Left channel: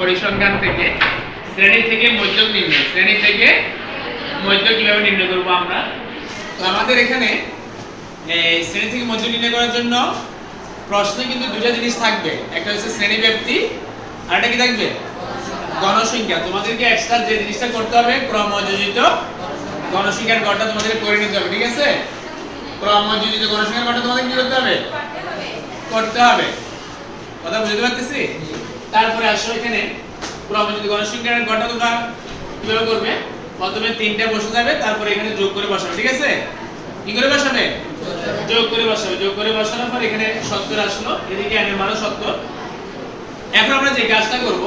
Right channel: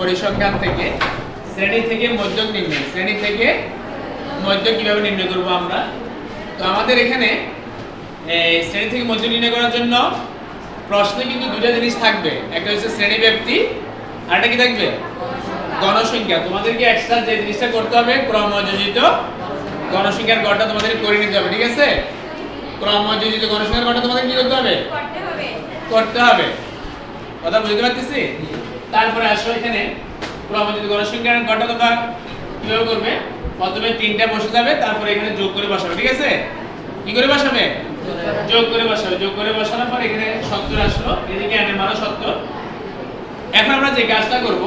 পরিসংখ্যান থেকে, শ্রেণি থেকে মধ্যক নির্ণয়। শ্রেণি থেকে মধ্যক কীভাবে নির্ণয় করব আমরা? তো আমাদের এখানে শ্রেণি থেকে মধ্যক নির্ণয় করার জন্য প্রশ্নে কিন্তু দুটো জিনিস থাকবে। একটা হচ্ছে শ্রেণি ব্যক্তি, আর একটা কি থাকবে? গণসংখ্যা। তোমাদেরকে এক্সট্রা যে জিনিসটা করতে হবে, ক্রমযোজিত গণসংখ্যার গড়টা তোমাদের করে নিতে হবে, ঠিক আছে? ক্রমযোজিত গণসংখ্যার গড়টা তোমাদের কি করতে হবে? করতে হবে। কথা বুঝতে পারতেছি তারপরে আসো এখানে। ক্রমযোজিত গণসংখ্যার গড়টা তোমরা কীভাবে করবে? প্রথমে তিনটা বসে যাবে, তারপরে এখানে যোগ করে বসাবে, ঠিক আছে? কি করে বসাবে? যোগ করে বসাবে। যোগ করে বসানোর পর এখানে 70 আসলো। এদিকে n এর মানও 70 এখন আমরা যে কাজটা করব,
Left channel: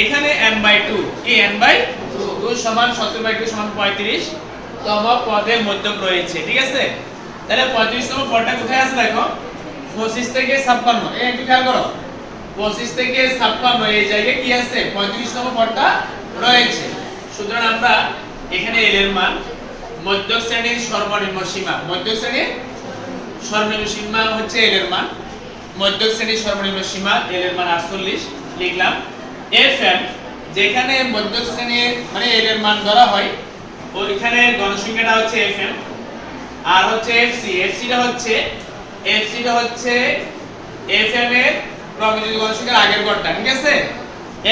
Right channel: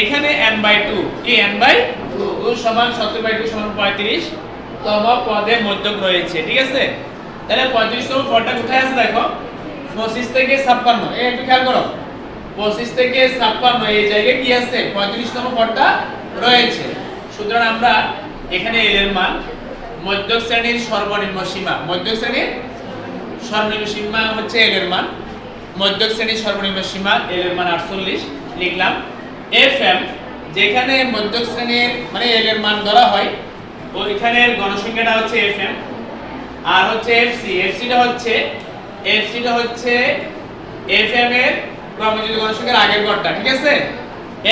এখানে n বাই টু কি n বাই টু সমান সত্তর বাই টু সমান পঁয়ত্রিশ তম পদে মধ্যক রয়েছে, ঠিক আছে? তাহলে পঁয়ত্রিশ তম পদটা কোথায় আছে দেখো? পঁচিশ থেকে ছাপ্পান্ন। এই একটু খেয়াল করো। পঁচিশ থেকে ছাপ্পান্ন, এই জায়গায় কি আছে? পঁয়ত্রিশ তম পদটা রয়েছে। সুতরাং আমরা এখানে এল এর মান, মধ্যক শ্রেণির সর্বনিম্ন সীমা। মধ্যক শ্রেণির সর্বনিম্ন সীমা হচ্ছে এল এর মান। মধ্যক শ্রেণির সর্বনিম্ন সীমা এল এর মান 48 লিখলাম এফ এম যেখানে মধ্য শ্রেণির মানে এল এর মান ধরা হয়, ওইখানে গণসংখ্যাটা হচ্ছে এফ এম আর হচ্ছে এফসি। এফসিটা হচ্ছে এফসিটা হচ্ছে এফ এম এর ক্রমযোজিত গণসংখ্যার আগের গড়টা ঠিক আছে?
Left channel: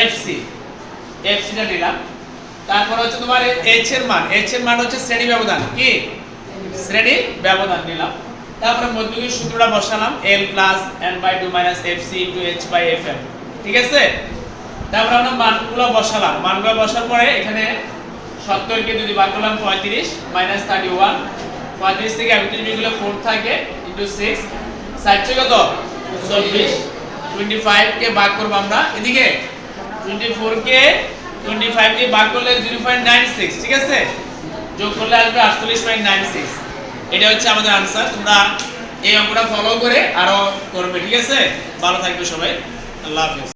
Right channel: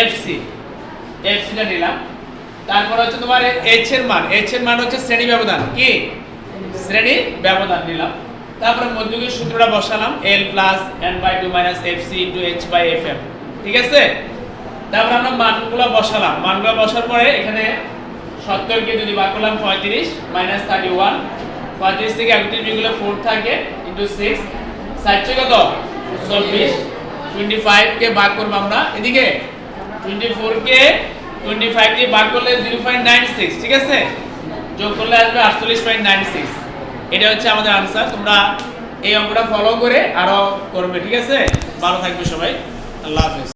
এফসি এফসিটা নিলাম। তারপর হচ্ছে তোমার এইচ এর মান এইচ এর মান হচ্ছে শ্রেণি ব্যবধান, কি? শ্রেণি ব্যবধান নিলাম। তারপরে মধ্যকের সূত্রটা বসালাম, l plus n by two minus F C into H by F M ঠিক আছে? তারপর আমরা মানগুলো বসালাম। মানগুলো বসার পরে এখানে সত্তরকে যদি ভাগ করলাম পঁয়ত্রিশ মাইনাস থার্টি ওয়ান পঁয়ত্রিশ থেকে একত্রিশ যেগুলো ফোর থাকে। ইন্টু সিক্স ষাটশো কত? টোয়েন্টি ফাইভকে ভাগ আমরা। এদিকে টোয়েন্টি ফাইভ ভাগ করলে জিরো পয়েন্ট নাইন সিক্স ঠিক আছে? যোগ করলে আসবে আটচল্লিশ পয়েন্ট নাইন সিক্স এটা হচ্ছে আমাদের আনসার তোমরা এই অঙ্কটা ফলো করে আরও করবে, ঠিক আছে? ভালো থাকবে সবাই। আল্লাহ হাফিজ।